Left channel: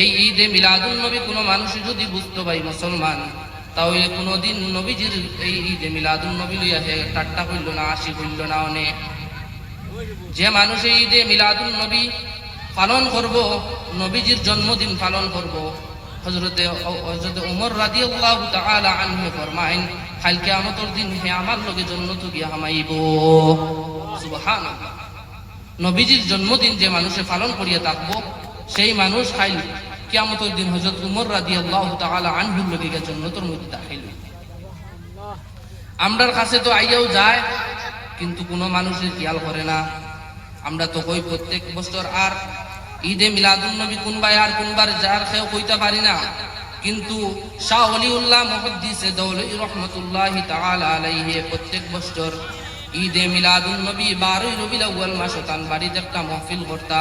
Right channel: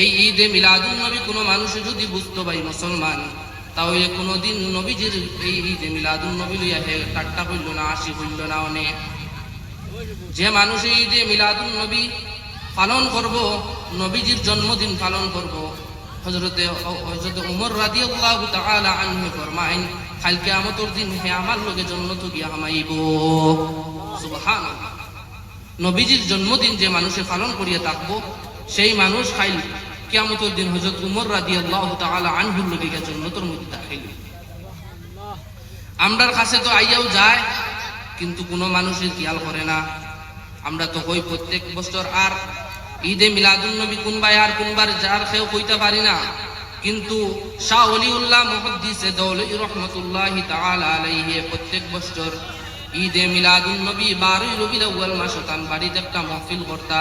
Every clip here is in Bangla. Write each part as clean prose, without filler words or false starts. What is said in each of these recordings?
এই ঈদে মিলাদুন নবী কোনো মানুষ যদি বুঝতো ভাই মুসলমান, তাহলে কোনোদিন নবীজির এই ঈদে মিলাদুন নবী লইয়া ঠাট্টা করল না, হাসি করল না। অনেক যে মানুষ এই ঈদে মিলাদুন নবী পালন করব, নবীজির জন্মদিন পালন করব, হযরতে ওমর রাদিয়াল্লাহু তাআলা আনহু ফরমায়েন, কাল কিয়ামতের দিন হে আমার লগে জান্নাত গিয়া হামাইব। সুবহানাল্লাহ। নবীজির জন্মদিন যে মানুষে পালন করিয়া থাকবো, সেই মানুষ কাল কিয়ামতের দিন হযরত ওমর রাদিয়াল্লাহু তাআলা আনহুর লগে গিয়া জান্নাতের মধ্যে দাখিল হইবে। আমরার কাছে তো আইয়াও যায়, কিন্তু কোনো মানুষের খেয়াল করে না। আমরা তো কই প্রত্যেক বছর আর ঈদে মিলাদুন নবী কোনবাই আর কোনবার যার কেউ কইতে পারি না। কিন্তু শাহ ওলিউল্লাহ মুহাদ্দিসে দৌলতী রহমাতুল্লাহি তাআলা আলাইহি প্রত্যেক বছর ঈদে মিলাদুন নবী 12 রবিউল আউয়াল মাসে তান বাড়িতে একটা মাহফিল করতা।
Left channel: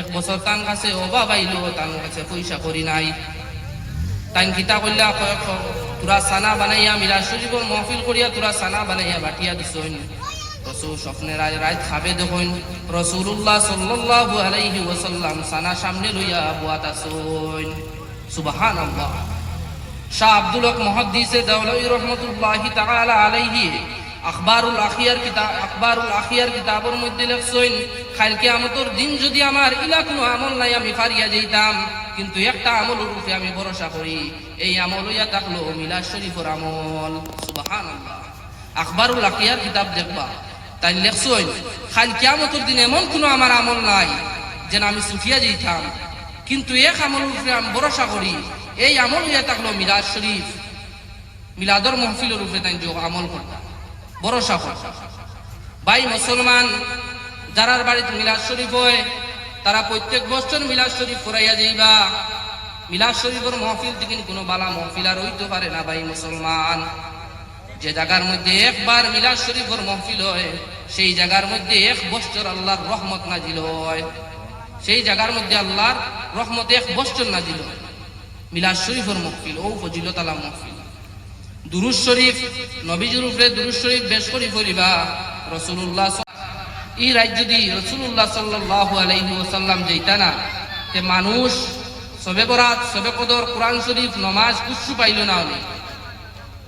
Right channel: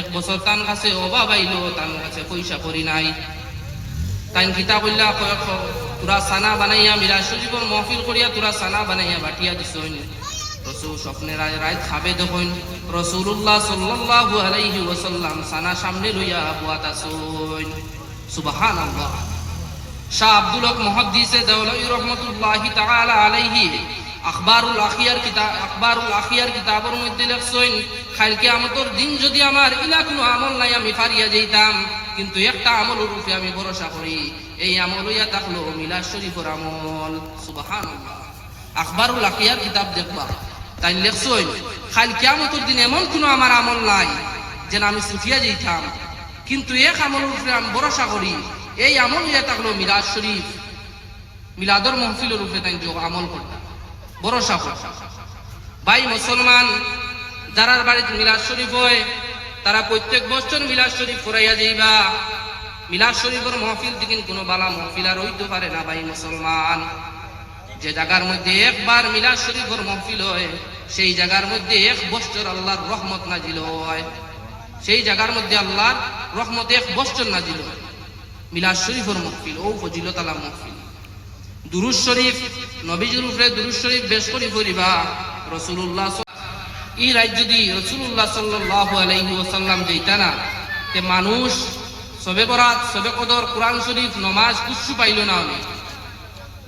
এক বছর তান কাছে অভাব আইলো, তান কাছে পয়সা করি নাই। তাই কিতা কইলা, তোরা সানা বানাইয়া মিলাদ শরীফের মাহফিল করিয়া তোরা সানা বানাইয়া বাটিয়া দিছইন। রাসূল স্বপ্নের রাত খাবে দেখুন, রাসূলুল্লাহ সাল্লাল্লাহু আলাইহি ওয়াসাল্লাম সানা সামনে লইয়া বুয়াত আসুন। সুবহানাল্লাহ। শাহ আব্দুল হক মুহাদ্দিসে দৌলতী রহমাতুল্লাহি তাআলা আলাইহি আখবারুল আখিয়ার কিতাবের মধ্যে লেখছেন, কাল কিয়ামতের দিন যদি আমার ইলা কোনো আমল নাই আমি ফারিয়া যাইতাম, কিন্তু একটা আমলের উপরে আমি ভরসা করি, এই আমল হইয়া থাকলো মিলাদ শরীফের আমল। সুবহানাল্লাহ। আখবারুল আখিয়ার কিতাব দেখবা, তাই লেখছেন কাল কিয়ামতের দিন এমন কোনো আমার আমল নাই যেন আমি সুফিয়া যাইতাম, কিন্তু এক আমলের উপরে আমি ভরসা করি, এই আমল হইয়া থাকলো মিলাদ শরীফ। মিলাদর মাহফিলের উপরে তাই আমল করতাম, ভরসা করতাম। ভাই মুসলমান, যারার বাড়িতে মিলাদ শরীফ হয় তারা প্রত্যেক বছর মিলাদ শরীফ ফুরাইয়া যাইবা। মিলাদ শরীফের মাহফিল থেকে কোনো বালা মাহফিল আর হইতে পারে না। ভাই মুসলমান, যে জায়গার মধ্যে একবার মিলাদ শরীফের মাহফিল হয়, সেই জায়গার মধ্যে এক বছর আল্লাহর রহমত নাজিল হয়। সেই জায়গার মধ্যে আল্লাহর রহমত এক বছর নাজিল হয়। মিলাদ শরীফের মাহফিল ও ফজিলত আলা মাহফিল। দুরূদ শরীফ, নবীজির উপরে দুরূদ শরীফ বেশ করে পড়িবা। রাসূলুল্লাহ এই রাত যদি রাসূলুল্লাহ সাল্লাল্লাহু আলাইহি ওয়াসাল্লাম যাইতা না, তে মানুষ সবে বরাত, সবে কদর, কোরআন শরীফ, নামাজ কিচ্ছু পাইল না। আমি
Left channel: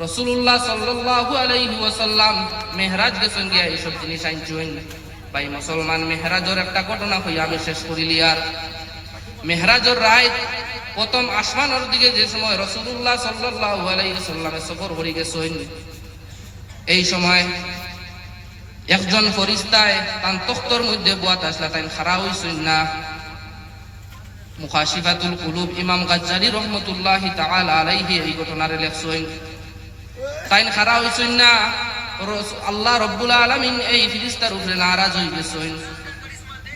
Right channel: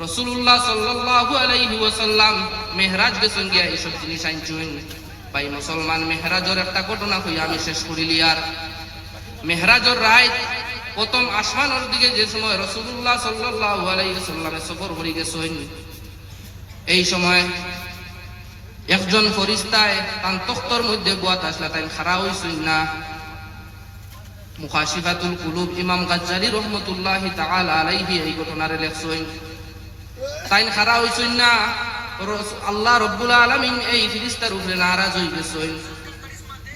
রাসূলুল্লাহ সাল্লাল্লাহু আলাইহি ওয়াসাল্লাম মেহরাজ গেছেন গিয়া এইসব জিনিস আনছেন। ভাই মুসলমান, মেহরাজের একটা ঘটনা কইয়া আমি শেষ করিলি। আর মেহরাজের রাত প্রথম আসমানের দিকে যে সময় রাসূলুল্লাহ সাল্লাল্লাহু আলাইহি ওয়াসাল্লাম সফর করে গেছেন, এই সময় একজন ফেরেশতায় তান তখতের মধ্যে বুয়াত আসলা, তাই খাড়া হইছেন না। মুখাশিফাতুল কুলুব ইমাম গাজ্জালী রহমাতুল্লাহি তাআলা আলাইহি এই ঘটনার লেখছেন। তাই খাড়া হইছেন না, আল্লাহ রাব্বুল আলামিন এই ফেরেশতার উপরে নারাজ হয়ে গেছেন।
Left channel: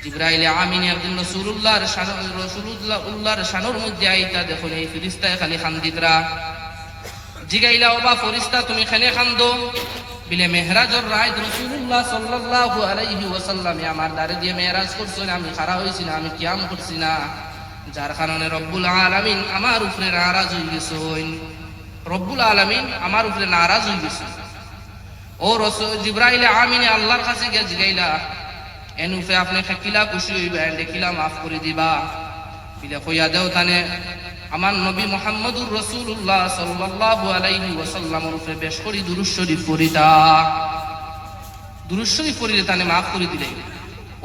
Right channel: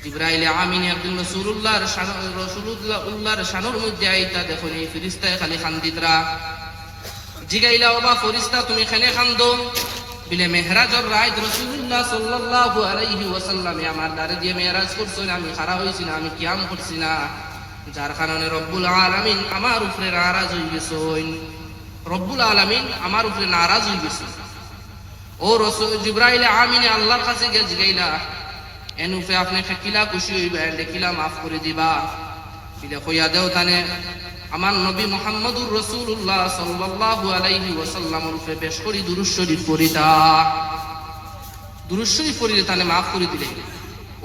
জিবরাইল আমিন একদিন রাসূলুল্লাহর শানের মধ্যে আইতা দেখুন এই ফেরেশতায় খালি খান্দিতরা। জিগাইলা, ওবা ফেরেশতা তুমি খানে খান্দো? বিলে মেহরাজের রাত রাসূলুল্লাহ সাল্লাল্লাহু আলাইহি ওয়াসাল্লাম আমার দাঁড়ে দিয়ে মেহরাজ করছেন, আমি খাড়া হইছি না, আমি কিয়াম করছি না, যার কারণে রব্বুল আলামিন আমার উপরে নারাজ হয়ে গেছেন। রব্বুল আলামিন আমার উপরে নারাজ হয়ে গেছেন। ও রাসূল জিবরাইল আমিন আল্লাহর কাছে গিয়ে জিগাইলা, এন উপরে আপনি কিলা খুশি হইবেন, কিলা মাফ করে দিবা? বিলে কইয়া দেও তানে আমার নবী মুহাম্মদুর রাসূলুল্লাহ সাল্লাল্লাহু আলাইহি ওয়াসাল্লামের উপরে বেশ করে দুরূদ শরীফ পড়িতা। দুরূদ শরীফ পড়িলে তানে মাফ করে দিলে।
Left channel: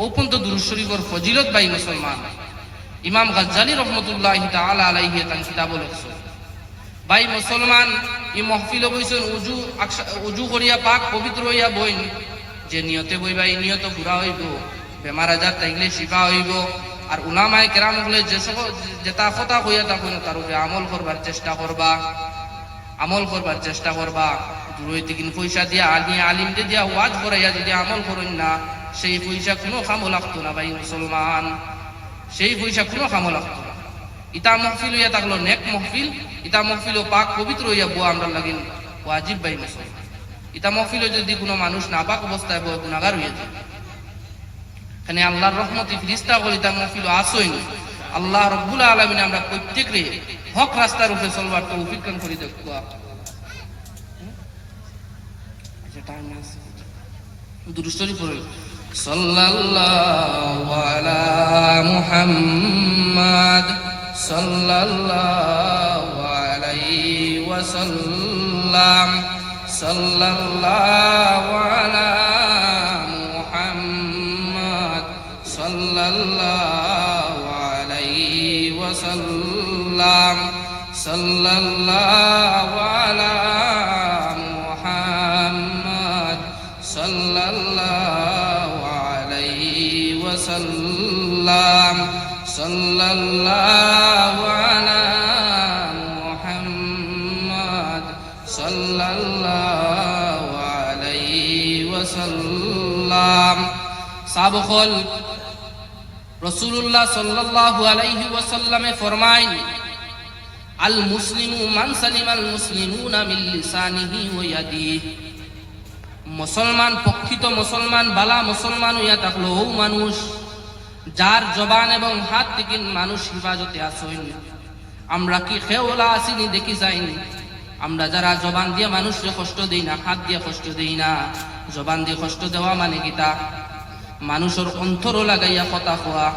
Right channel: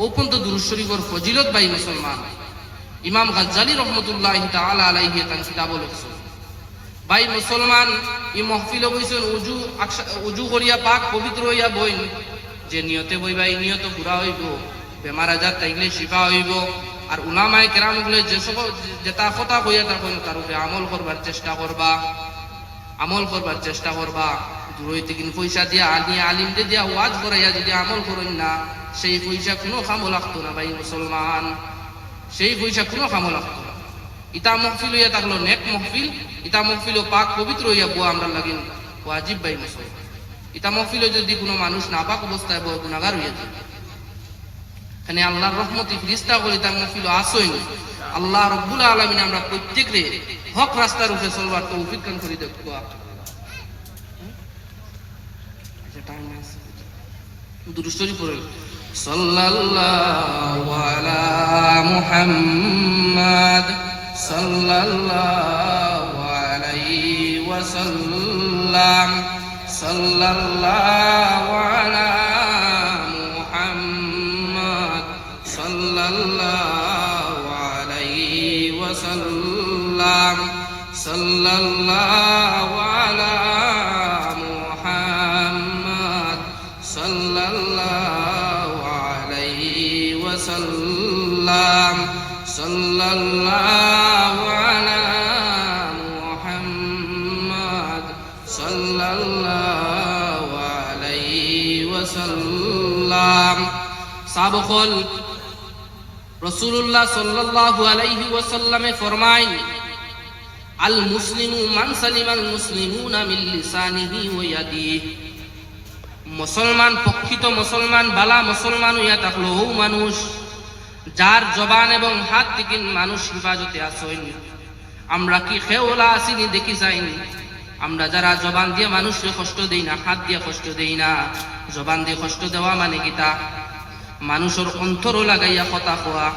ও পর্যন্ত দুরূদ শরীফের ফজিলত ভাই মুসলমান ইমাম গাজ্জালী রহমাতুল্লাহি তাআলা আলাইহি তান কিতাব লিখছেন। ভাই মুসলমান, এই মাহফিলে বইছেন উজু করিয়া পাক পবিত্র হইয়া বইন। যে নিয়তে বইবা এই নিয়ত পুরা হইব, বেমার আজার থাকলে শিফা হইব। আর উলামায়ে কেরাম বলে যে সব যেটা কথা কইয়া থাকুন তার উপরে আমল করবার চেষ্টা করবা। দূরইতে কিন্তু পয়সা দিয়া আলিমকে দিয়া ওয়াজ করাইয়া যদি আমল করেন না, সেই পয়সা কোনো কামও লাগতো না। ভাই মুসলমান, সেই পয়সা কোনো কামও লাগতো না। ইতা মাহফিল হইয়া থাকলো নেক মাহফিল, ইতা মাহফিল পাক পবিত্র হইয়া বুয়া আমরা লাগিন ওয়াজিব। ভাই মুসলমান, ইতা মাহফিল যদি কোনো মানুষ নাপাক অবস্থায় বউ গুনাহগার হইয়া যায়, এখানে আল্লাহর রহমতে ফেরেশতা বলি তার মাহফিল আসই। আল্লাহ রাব্বুল আলামিন আমরা প্রত্যেকরে হক রাস্তার উপরে চলবার তৌফিক দান করে দেব। দুরূদ শরীফ পড়ুন। সাল্লাল্লাহু আলা মুহাম্মাদ সাল্লাল্লাহু আলাইহি ওয়াসাল্লাম সাল্লাল্লাহু আলা মুহাম্মদ সাল্লাল্লাহু আলাইহি ওয়াসাল্লাম সাল্লাল্লাহু আলা মুহাম্মদ সাল্লাল্লাহু আলাইহি ওয়াসাল্লাম সাল্লাল্লাহু আলা মুহাম্মদ সাল্লাল্লাহু আলাইহি ওয়াসাল্লাম। সাবকল রাসূলুল্লাহ সাল্লাল্লাহু আলাইহি ওয়াসাল্লামে ফরমায়, আল মুসলিমু মান সালিমাল মুসলিমুনা মিন লিসানিহি ওয়া ইয়াদিহি। মুসলমান প্রকৃত মুসলমান বালা মুসলমান হইয়া থাকলো ও মানুষ যার জবান এবং হাত থেকে মানুষ হেফাজতে আসেন। আমরা কি খেওলা আসিনি দেখি যাইনি? আমরা যারা জবান দিয়ে মানুষকে কষ্ট দেই না, হাত দিয়ে কষ্ট দেই না, জবান দিয়ে কষ্ট দেওয়া মানে কিতা? মানুষের অন্তর লাগাইয়া কথা কোয়া,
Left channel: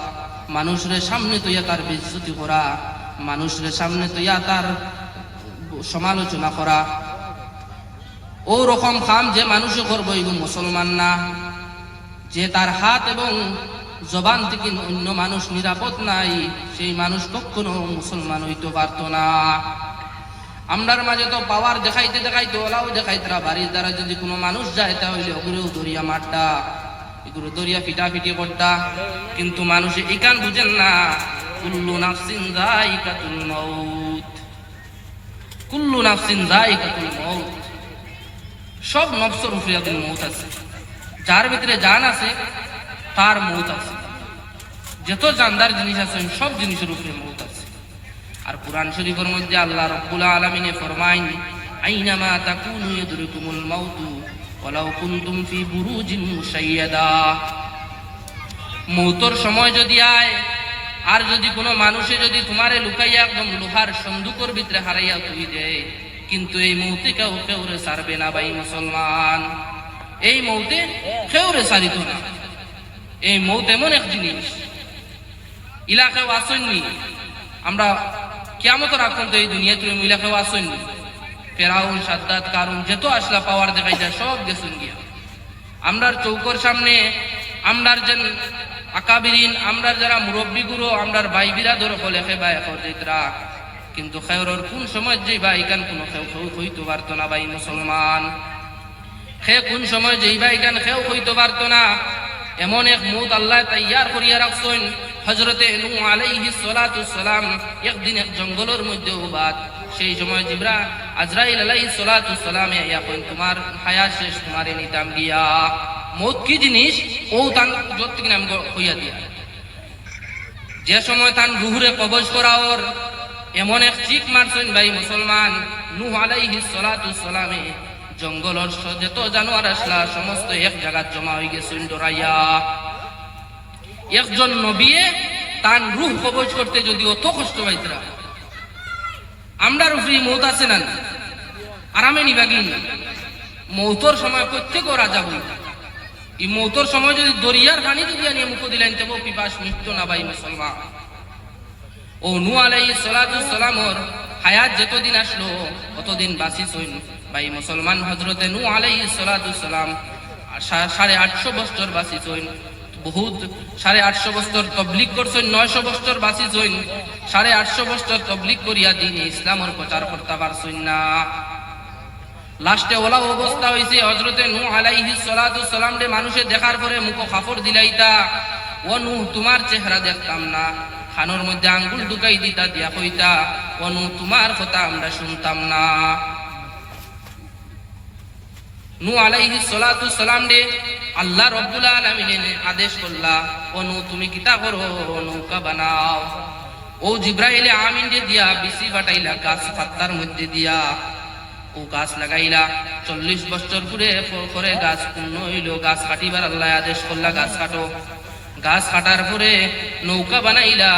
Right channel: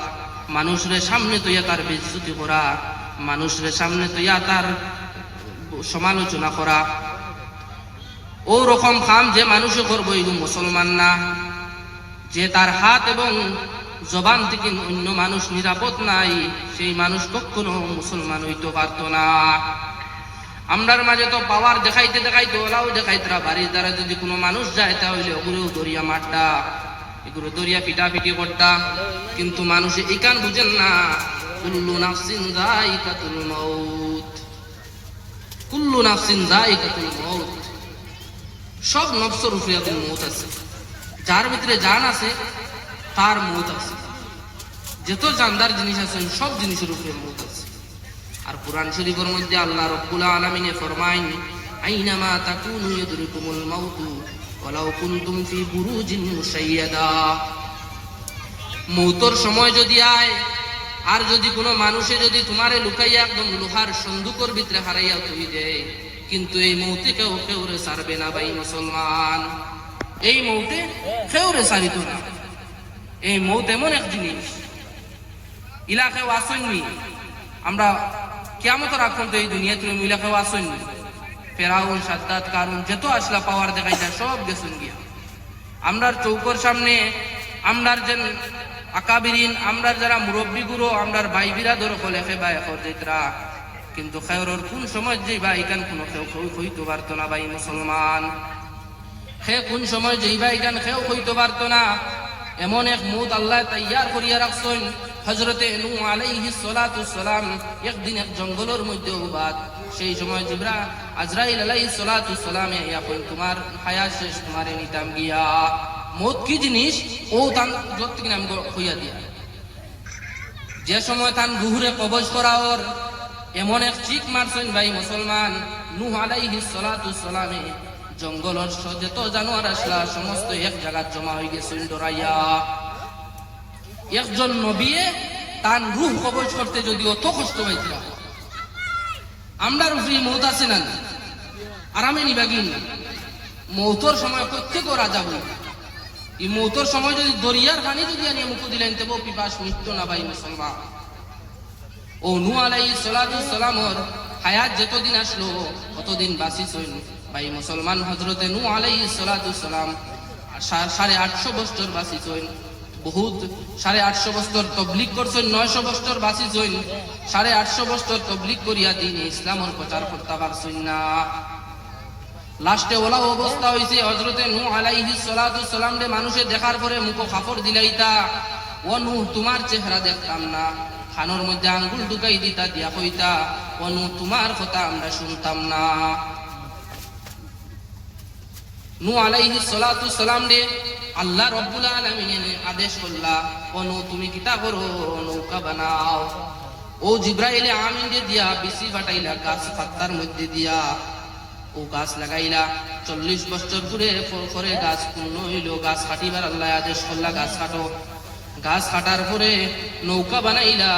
মানুষের সামনে তৈয়া তার বেইজ্জতি করা, মানুষের সামনে তৈয়া তার সমালোচনা করা। ও রকম কাম যে মানুষে করবো এগুলো মুসলমান না। যে তার হাত এবং জবান থেকে অন্য মানুষ নিরাপদ নাই, সেই মানুষ কখনো মুসলমান হইতে পারত না। আমরার মাঝে তো পাওয়ার দেখাইতে দেখাইতে ওলাও দেখাইতরা বাড়ির দ্বারা যদি কোনো মানুষ যায় তাহলে ওগুলোও দরিয়া মারটা, এগুলো দরিয়া পিটাপিটি করতা। কিন্তু মানুষ ইকান বুঝেন না, কুল্লু নাফসিন যায়িকাতুল মাউত, কুল্লু নাফসিন যায়িকাতুল মাউত। সব নফসের উপরে একদিন মৌত আছে, যার ভিতরে জান আছে তার মৌত আছে। যত জানদার জিনিস আছে সব জিনিসের উপরে মৌত আছে। আর কুরআন শরীফের মধ্যে আল্লাহ রাব্বুল আলামিন ফরমায়, আইনামা তাকুনু ইউদরিকুমুল মাউতু ওয়ালাউ কুনতুম ফি বুরুজিন মুশাইয়াদা। মৌতর সময় যদি আয় আর যদি কোনো মানুষে যদি তোমারে লুকাইয়া একদম লোহার সন্দুকের ভিতরে হারাইয়া তুই দেয়, কিন্তু এই মৌতে কেউ কেউরে সারবে না ভাই মুসলমান। এই মৌতে কেউরে সারিত না। এই মৌত এমন এক জিনিস, ইলাকাও আসেননি। আমরা কিয়ামতের আগ পর্যন্ত এই দুনিয়াতে ইলাকাও আসেননি। ফেরাউন, সাদ্দাত, কারুন যত আসলা পাওয়ার দেখাই যায় সব গেছেন গিয়া। আমরার চৌকর সামনে আমরার যেন আকাবিরিন, আমরার যারা মুরব্বী গুরু, আমরার ভাই বিরাদর হলে খেবা এখন যেতরা, কিন্তু খেয়রর কোন সময় যে বা ইকান কোনো খেউ হইতে পারতো না ভাই মুসলমান। খে কোন সময় যে বা ইকান খেউ হইতে পারতো না। এমন এক মৌত আল্লাহ তৈয়ার করিয়া রাখছেন। হযরতে নূহ আলাইহিস সালাতু সালাম একদিন এক জঙ্গলের মধ্যে উবাদ। সেই সময় আজরাইল আলাইহিস সালাতু সালামে এখন তোমার হায়াত শেষ, তোমারে নিতাম গিয়া। মৌত কি জিনিস ও তান যত থেকে নাম হইয়া দিয়া। যে সময় তান রুহুরে কবজ করা ওর এমন এক চিক মারছেন ভাই মুসলমান। নূহ আলাইহিস সালাতু সালামে জঙ্গলের যত জানোয়ার আসলা সমস্ত এক জায়গা জমা হয়ে গেছেন ডরাইয়া। একজন নবিয়ে তার রূহ কবজ করতে যদি অত কষ্ট পাইতরা, আমরার উপরে মৌত আছে না? আরামে নিবাগিন মৌতর সময় প্রত্যেক রাজা বই। এই মৌতর সময় যদি দরিয়ার পানি যদি আনিয়ে মুখ দিলেন তেমন পিপাস মৃত্যু না ভাই মুসলমান। ও নূহ আলাইহিস সালাতু সালামর হায়াত যতদিন আসলো ততদিন বাঁচিছেন ভাই মুসলমান। হযরতে নূহ আলাইহিস সালাতু সালাম 850 বছর বাঁচিছেন। বহুত 850 বছর তবলিগ করছেন, 900 বছর বাঁচিছেন। 850 বছর তবলিগ করিয়া দিন ইসলামের প্রচার করতে পারছেন না। লাস্টে ওলা অবস্থা হয়েছে হযরতে নূহ আলাইহিস সালাতু সালাম রে মানুষে দেখার পরে মুখ কাপড় দিলাইতা, ও নূহ তোমার চেহারা দেখতাম না, খানোর মধ্যে আঙ্গুল ঢুকাই দিতা দিয়া কইতা, ও নূহ তোমার কথা আমরা শুনতাম না। নূহ আলাইহিস সালাতু সালাম রে আল্লাহ রাব্বুল আলামিন আদেশ করলা, ও নূহ তুমি কিতা করো, নৌকা বানাও। ও জিব্রাইল আমিন রে দিয়া বিসি বাটাইলা গাছ পাতার মধ্যে দিয়া, ও গাছ লাগাইলা। 40 বছর পরে গাছ পূর্ণ হইল। গাছ কাটিবার আল্লাহ আদেশ করলা, গাছ কাটো। গাছ কাটার পরে নৌকা বানাইলা।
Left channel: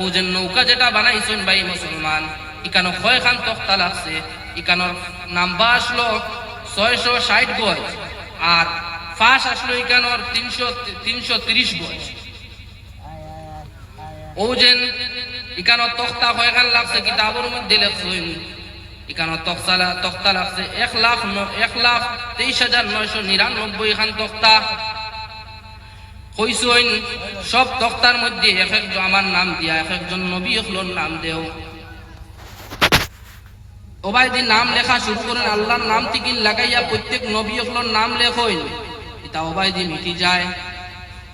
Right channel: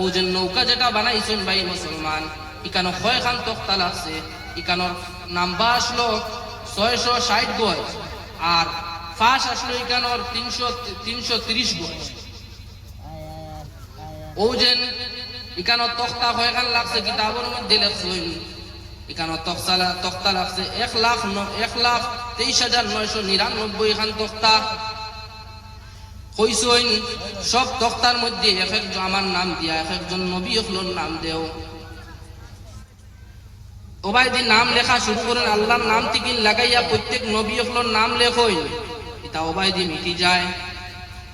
ও যে নৌকা যেটা বানাইছেন ভাই মুসলমান, ইকানো কয়খান তক্তা লাগছে। ইকানোর নাম্বা আসলো 660 গজ, আর ফাঁস আসলো ইকানোর 330 গজ। ও যেন ইকানো তক্তা কয়খান লাগছে কিতাবের মধ্যে লেখছেন ইকানো তক্তা লাগছে 1,23,999 খান তক্তা কইছেন সব তক্তার মধ্যে এক একজন আমার নাম দিয়া এক একজন নবী হলোর নাম দেও ওবাইদিন নাম লেখা শুরু করেন আল্লাহর নাম থেকে লাগাইয়া প্রত্যেক নবী হলোর নাম লেখইন এটা ওবাইদিন মিটি যায়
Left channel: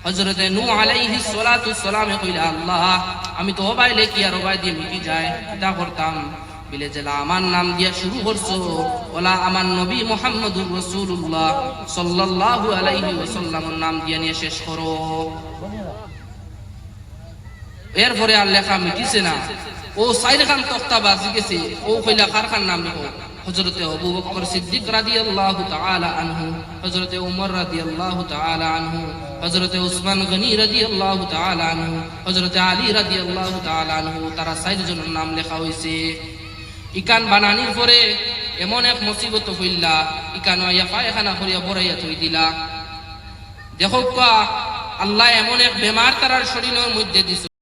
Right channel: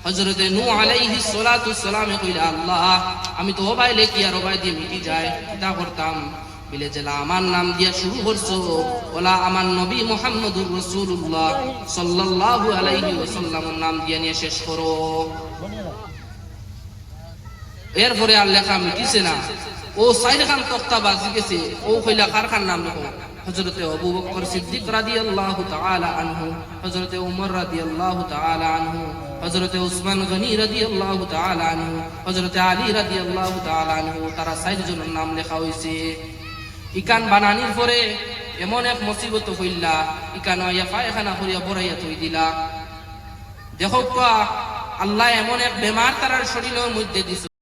হযরতে নূহ আলাইহিস সালাতু সালামে কইলা আল্লাহ আমি তো ওবাই লেখি আর ওবাইদিন মিটি যায় এটা করতাম বিলে জেলা আমার নাম দিয়া শুরু করছো ওলা আমার নবী মুহাম্মদুর রাসূলুল্লাহ সাল্লাল্লাহু আলাইহি ওয়াসাল্লামের নাম দিয়ে নিয়ে শেষ করো এরপরে আর লেখা মিটিছে না ও সাইদ খান তক্তা বাজি গেছে ও কইলা কার খান নাম লেখো হযরতে আবু বকর সিদ্দিক রাদিয়াল্লাহু তাআলা আনহু হযরতে ওমর রাদিয়াল্লাহু তাআলা আনহু হযরতে উসমান গনি রাদিয়াল্লাহু তাআলা আনহু হযরতে আলী রাদিয়াল্লাহু তাআলা আনহু তারা সাইদ জনের নাম লেখা হইছে ইকান বানানির পরে এমন এক মুসিবত হইলা ইকান ইয়া পায়খানা করিয়া বড়াইয়া থই দিলা দেখো আল্লাহ এমন এক বেমার তার শরীরের মধ্যে দিছে